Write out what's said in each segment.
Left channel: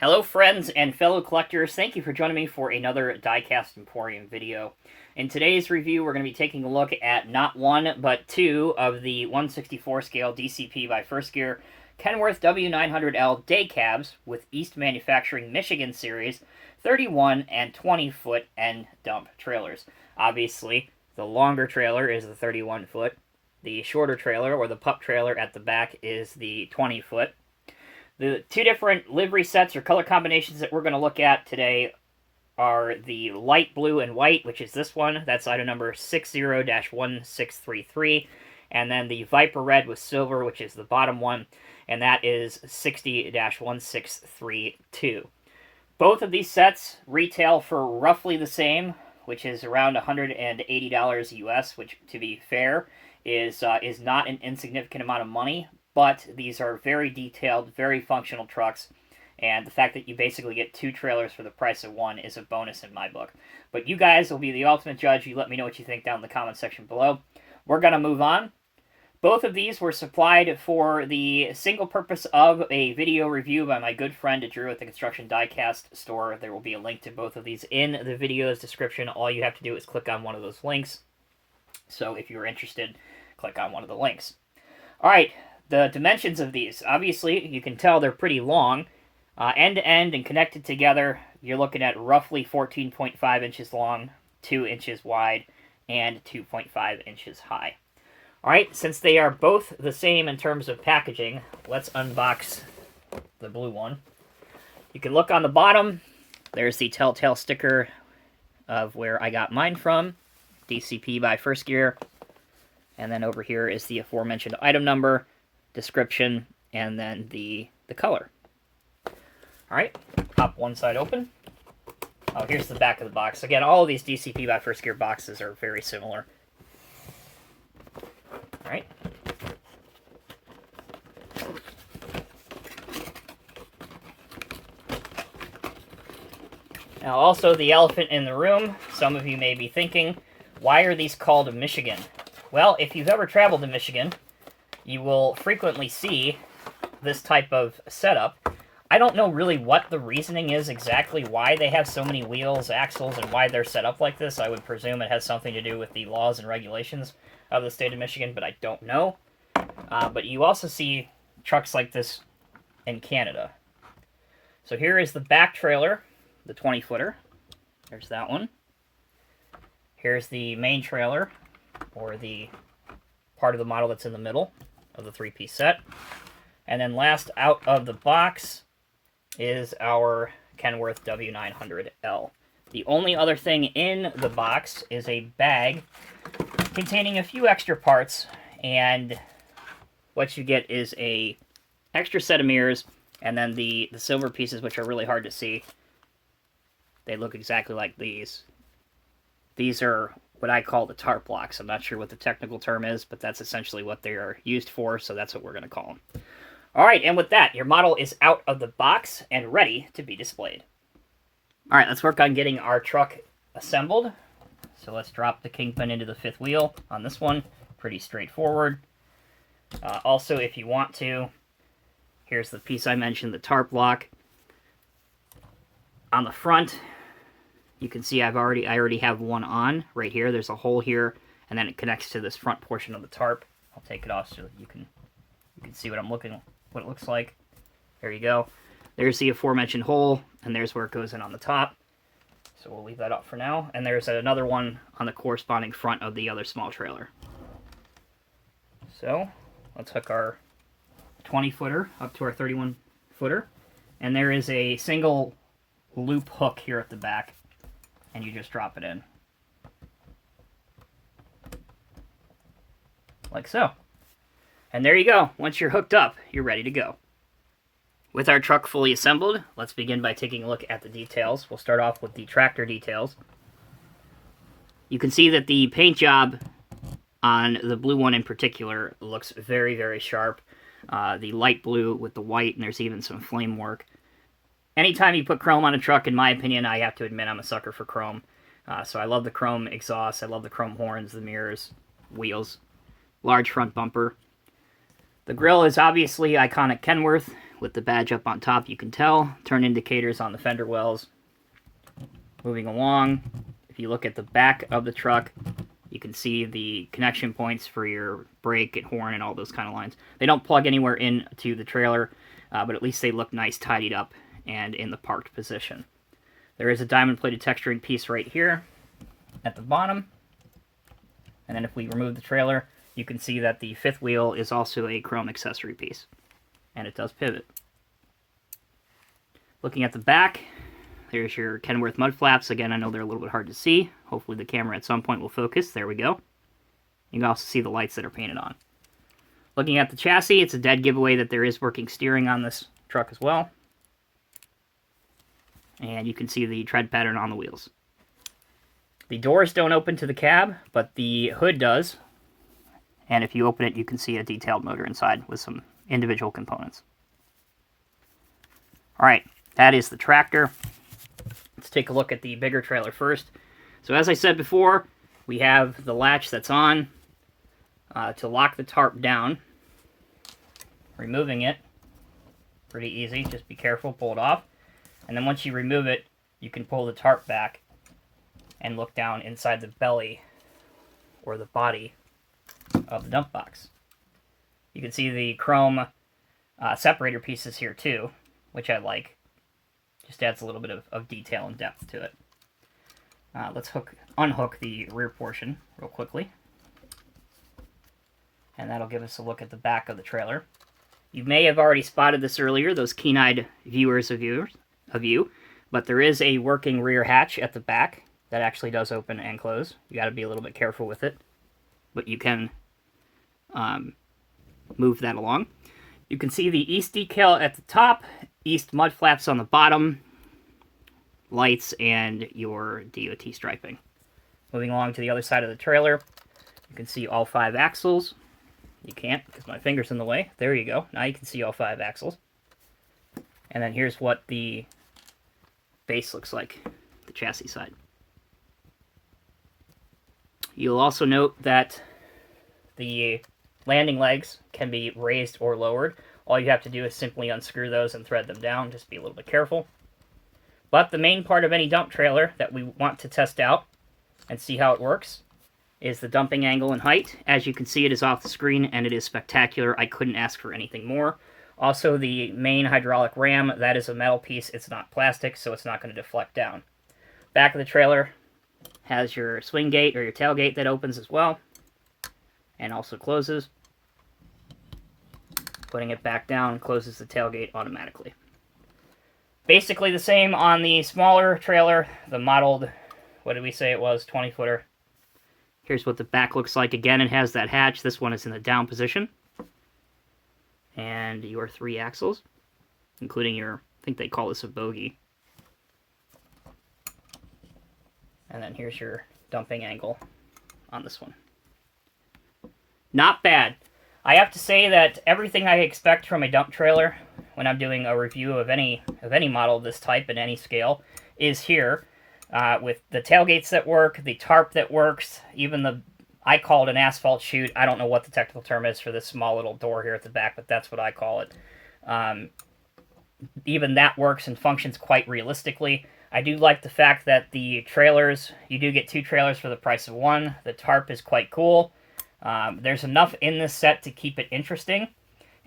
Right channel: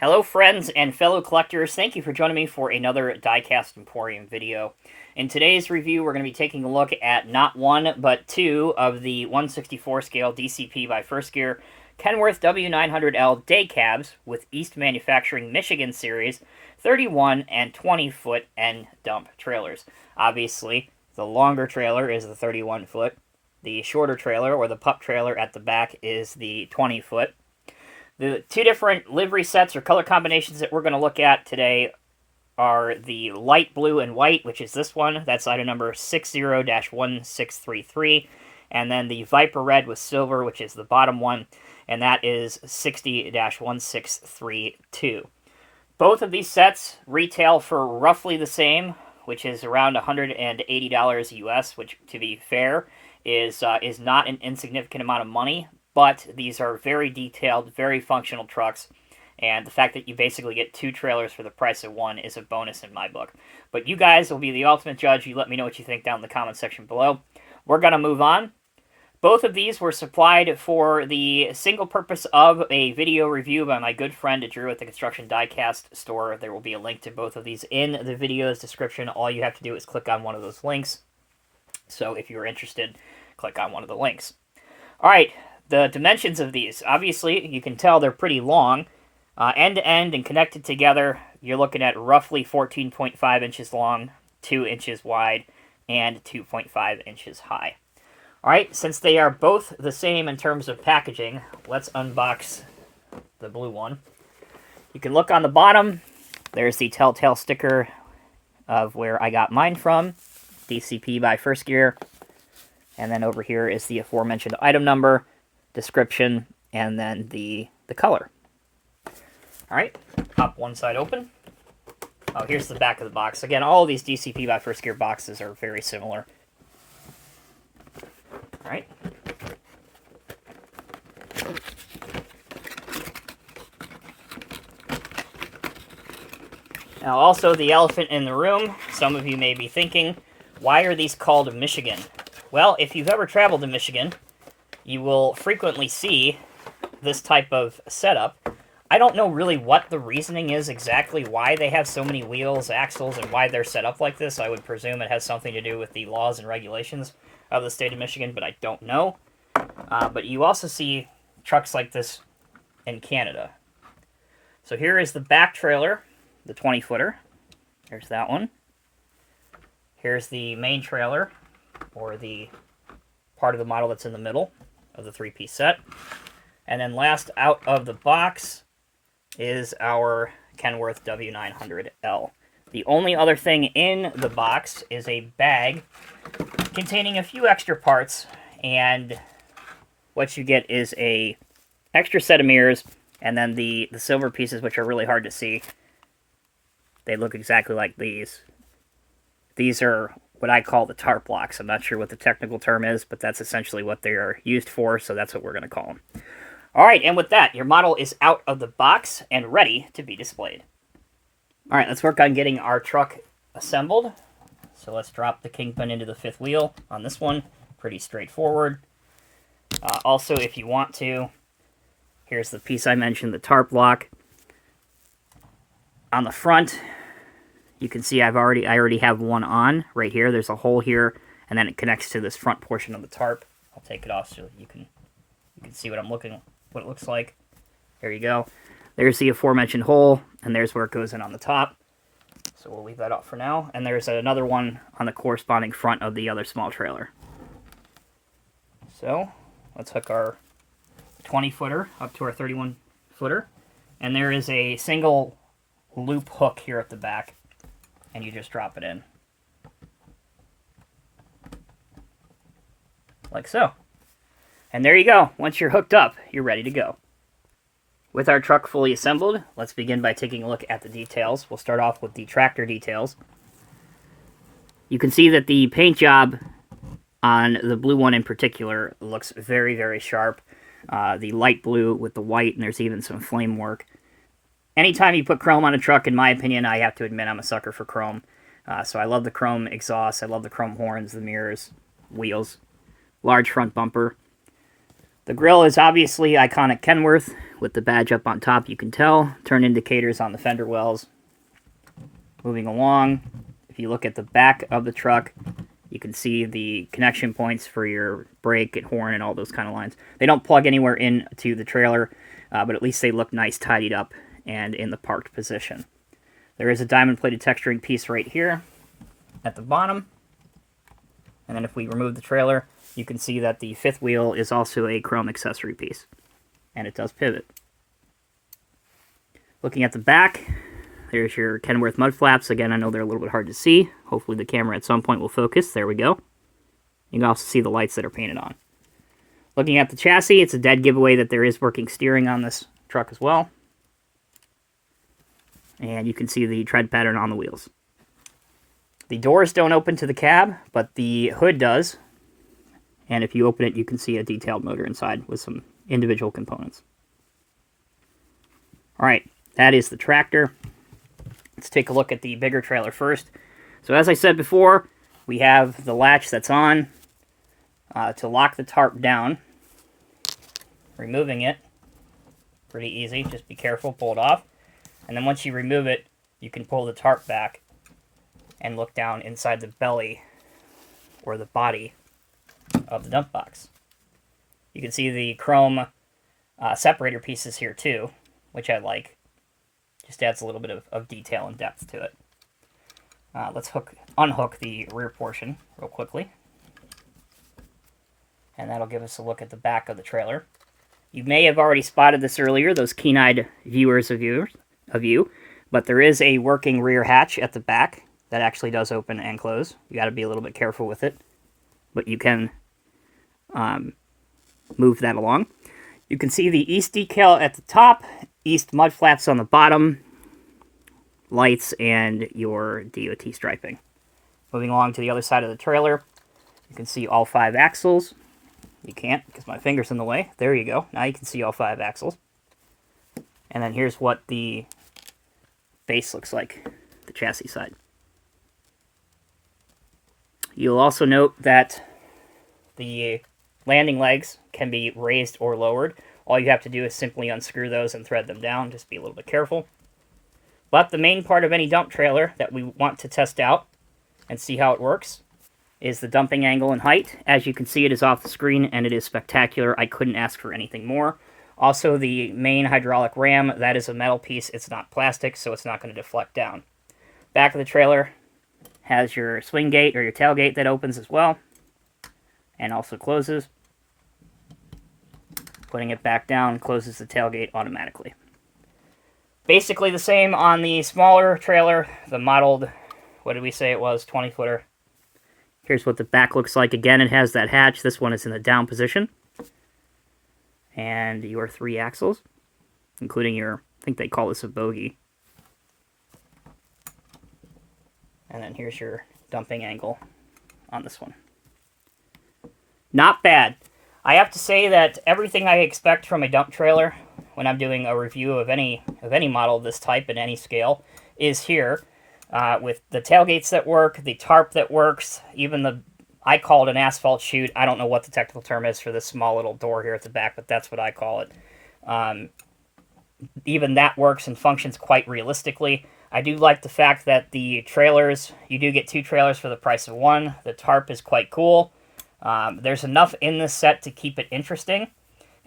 Hello friends and fellow collectors, thank you for joining me for another Diecast Emporium video. In today's review, we're going to be taking a look at not one, but two of the 1/64 scale DCP by First Gear Kenworth W900L day cabs with East Manufacturing Michigan Series 31 and 20 foot end dump trailers. Obviously, the longer trailer is the 31 foot. The shorter trailer, or the pup trailer at the back, is the 20 foot. The two different livery sets or color combinations that we're going to look at today are the light blue and white, which is this one. That's item number 60-1633. And then the Viper red with silver, which is the bottom one, and that is 60-1632. Both of these sets retail for roughly the same, which is around $180 US, which, to be fair, is not an insignificant amount of money. But these are very detailed, very functional trucks, and the fact that you basically get two trailers for the price of one is a bonus in my book. But you guys will be the ultimate judge. You let me know what you think down in the comment section below. We're going to move on. Both of these were supplied for the single purpose of a video review by my good friend Drew at the Construction Diecast store. There will be a link to both of these in the video's description. All you have to do is click on one of those links. So if you're interested, click on one of the links. All right. The dimensions of these, obviously, you can tell they're pretty long. End to end and connected together, you're looking at roughly 14.5 inches long, 2 inches wide, and 2.5 inches high. All right, since they are both the same in terms of packaging, let's unbox the blue one. You can look on the bottom. There's the telltale sticker of where I got mine from, DCP by First Gear. And then over here is the aforementioned item number, description, and then the color. All right, pop one side open. Oh, here's the back of the box. Again, all of these DCP by First Gear boxes are very similar. All right. Now, also the elephant in the room. Some of you may be thinking, why are these called Michigan? Well, if you've ever traveled to Michigan, you will frequently see this type of setup. I don't know really what the reasoning is exactly why they have so many wheels, axles, and why they're set up like this. I would presume it has something to do with the laws and regulations of the state of Michigan, but I don't know. But you also see trucks like this in Canada. So here is the back trailer, the 20-footer. There's that one. Here's the main trailer, or the part of the model that's in the middle of the three-piece set. And then last out of the box is our Kenworth W900L. The only other thing in the box is a bag containing a few extra parts, and what you get is a extra set of mirrors, and then the silver pieces, which are really hard to see. They look exactly like these. These are what I call the tarp blocks. I'm not sure what the technical term is, but that's essentially what they are used for, so that's what we're going to call them. All right, and with that, your model is out of the box and ready to be displayed. All right, let's work on getting our truck assembled. So let's drop the kingpin into the fifth wheel on this one. Pretty straightforward. Also, if you want to, here's the piece I mentioned, the tarp block. On the front, you can see I already have one on right here. There's a hole here, and then it connects to this front portion of the tarp. I'll take it off so you can see what it looks like. There you go. There's the aforementioned hole, and there's where it goes in on the top. So we'll leave that up for now. And there's another one on the corresponding front of the other small trailer. So let's hook our 20-footer up to our 31-footer. And there is a single loop hook here at the back, and you just drop it in. Like so. And there you go. Once you're hooked up, you're ready to go. With our truck fully assembled, let's begin by taking a look at the details. We'll start off with the tractor details. You can see that the paint job on the blue one in particular looks very, very sharp. The light blue with the white, and there's even some flame work. Anytime you put chrome on a truck, in my opinion, I have to admit I'm a sucker for chrome. So I love the chrome exhaust, I love the chrome horns, the mirrors, wheels, large front bumper. The grille is obviously iconic Kenworth with the badge up on top, you can tell. Turn indicators on the fender wells. Moving along, if you look at the back of the truck, you can see the connection points for your brake and horn and all those kind of lines. They don't plug anywhere into the trailer, but at least they look nice, tidied up, and in the parked position. There is a diamond-plated texturing piece right here at the bottom. And then if we remove the trailer, you can see that the fifth wheel is also a chrome accessory piece. And it does pivot. Looking at the back, there's your Kenworth mud flaps. Again, I know they're a little bit hard to see. Hopefully the camera at some point will focus. There we go. You can also see the lights that are painted on. Looking at the chassis, it's a dead giveaway that there is working steering on this truck as well. And you can see the tread pattern on the wheels. The doors don't open to the cab, but the hood does. And if you open it, you can see a detailed motor inside with some individual components. Alright, that is the tractor. Let's take a look at the bigger trailer first. So as I said before, we have the latch that's on to lock the tarp down. Removing it, pretty easy, just be careful, pull it off. And then once you remove it, you can pull the tarp back and look down inside the belly or the body of the dump box. You can see the chrome separator pieces here too, which I like. Just adds a little bit of detail and depth to it. Let's unhook the rear portion real quickly. And that'll give us a look at the back of the trailer. You may have already spotted this earlier, those keen-eyed viewers of you, but there is a working rear hatch at the back that actually does open and close. You got to be a little bit careful with it, but you can move that along. You can see the east decal at the top, east mud flaps on the bottom, lights, and your DOT striping. Moving along to the other side of the trailer, you can see all 5 axles. You can't because my finger's in the way. There you go. Now you can see all 5 axles. And then here's what the base looks like, the chassis side. You'll also note that the landing legs can be raised or lowered. All you have to do is simply unscrew those and thread them down. Just be a little bit careful. But the main part of any dump trailer that we want to test out and see how it works is the dumping angle and height. As you can see, it is off the screen and it is spectacular. I couldn't ask for anything more. Also, the main hydraulic ram, that is a metal piece. It's not plastic, so it's not going to deflect down. Back of the trailer has your swing gate or your tailgate that opens as well and also closes. Putting it back down closes the tailgate automatically. Basically the same on the smaller trailer, the modeled, what did we say it was, 20-footer. Here's what the back looks like. Again, it has that hatch. This one is in the down position. And your 3 axles, including your, I think they call this a bogie. And then here's your dumping angle on this one. Not bad. I have to say that everything I expect from a dump trailer when I'm doing a review of any model of this type at any scale is here. With the tailgates that work, the tarp that works, even the, I call it an asphalt chute. I don't know what the technical term is for this small little door here at the back, but that's what I call it. Even that works and functions quite realistically. I do like the fact that the trailers, you do get 2 trailers for the price of 1. The tarp is quite cool. There's enough in this set to keep it interesting.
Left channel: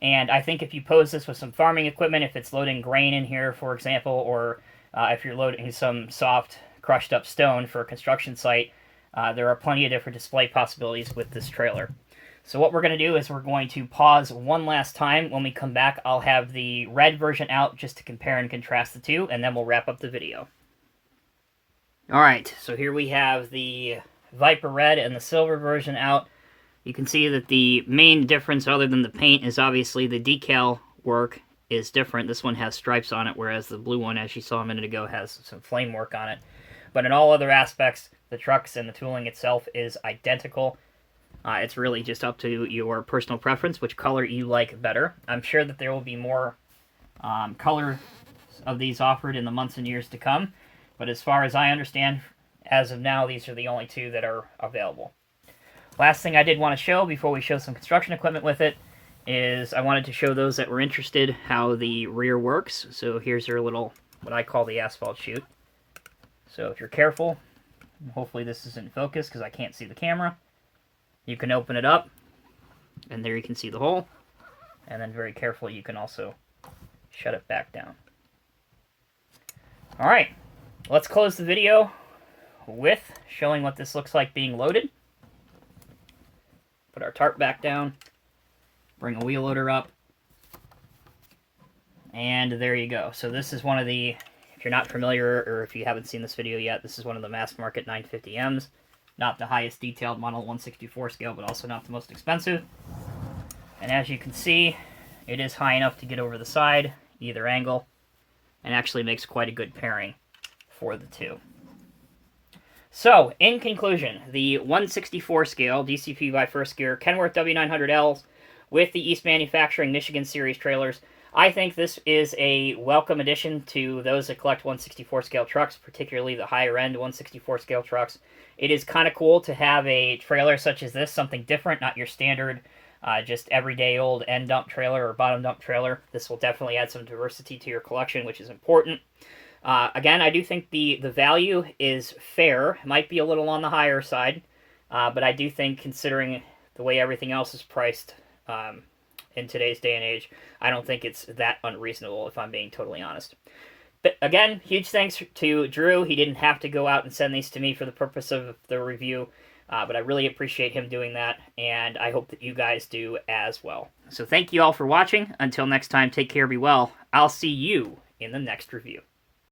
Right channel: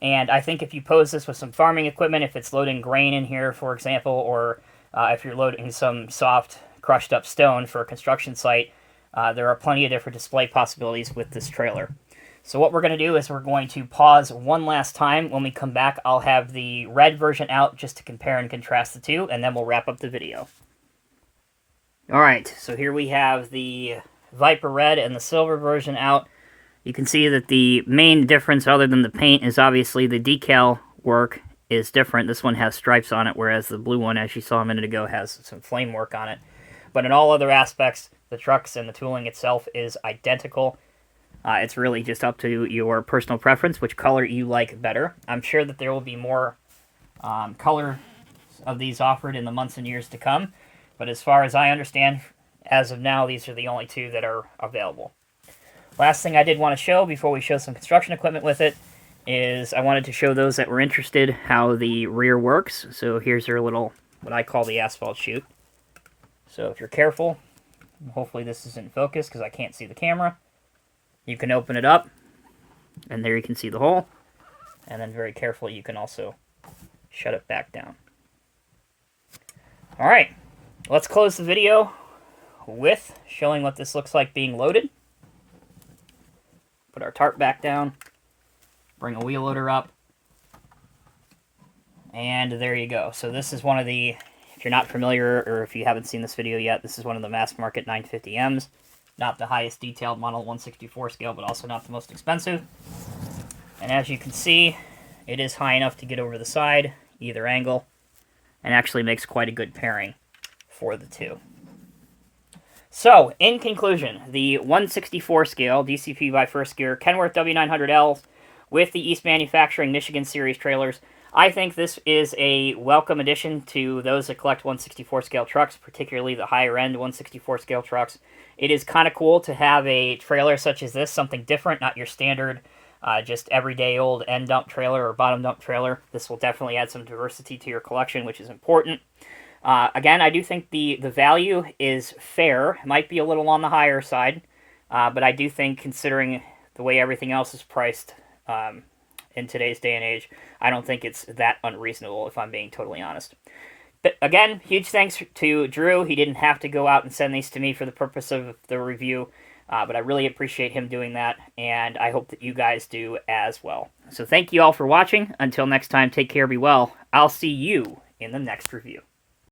And I think if you pose this with some farming equipment, if it's loading grain in here, for example, or if you're loading some soft crushed up stone for a construction site, there are plenty of different display possibilities with this trailer. So what we're going to do is we're going to pause one last time. When we come back, I'll have the red version out just to compare and contrast the two, and then we'll wrap up the video. Alright, so here we have the Viper Red and the silver version out. You can see that the main difference other than the paint is obviously the decal work is different. This one has stripes on it, whereas the blue one, as you saw a minute ago, has some flame work on it. But in all other aspects, the trucks and the tooling itself is identical. It's really just up to your personal preference, which color you like better. I'm sure that there will be more color of these offered in the months and years to come. But as far as I understand, as of now, these are the only 2 that are available. Last thing I did want to show before we show some construction equipment with it is I wanted to show those that were interested how the rear works. So here's your little, what I call the asphalt chute. So if you're careful, hopefully this is in focus because I can't see the camera, you can open it up, and there you can see the hole. And then very carefully you can also shut it back down. Alright, let's close the video with showing what this looks like being loaded. Put our tarp back down, bring a wheel loader up, and there you go. So this is one of the, if you're not familiar or if you haven't seen this video yet, this is one of the mass market 950Ms. Not the highest detailed model 164 scale, but also not the most expensive. And as you can see, it is high enough to get over the side, either angle, and actually makes quite a good pairing for the two. So, in conclusion, the 164 scale DCP by First Gear Kenworth W900L with the East Manufacturing Michigan Series trailers, I think this is a welcome addition to those that collect 164 scale trucks, particularly the higher end 164 scale trucks. It is kind of cool to have a trailer such as this, something different, not your standard just everyday old end dump trailer or bottom dump trailer. This will definitely add some diversity to your collection, which is important. Again, I do think the value is fair. It might be a little on the higher side, but I do think considering the way everything else is priced in today's day and age, I don't think it's that unreasonable, if I'm being totally honest. But again, huge thanks to Drew. He didn't have to go out and send these to me for the purpose of the review. But I really appreciate him doing that, and I hope that you guys do as well. So thank you all for watching. Until next time, take care, be well. I'll see you in the next review.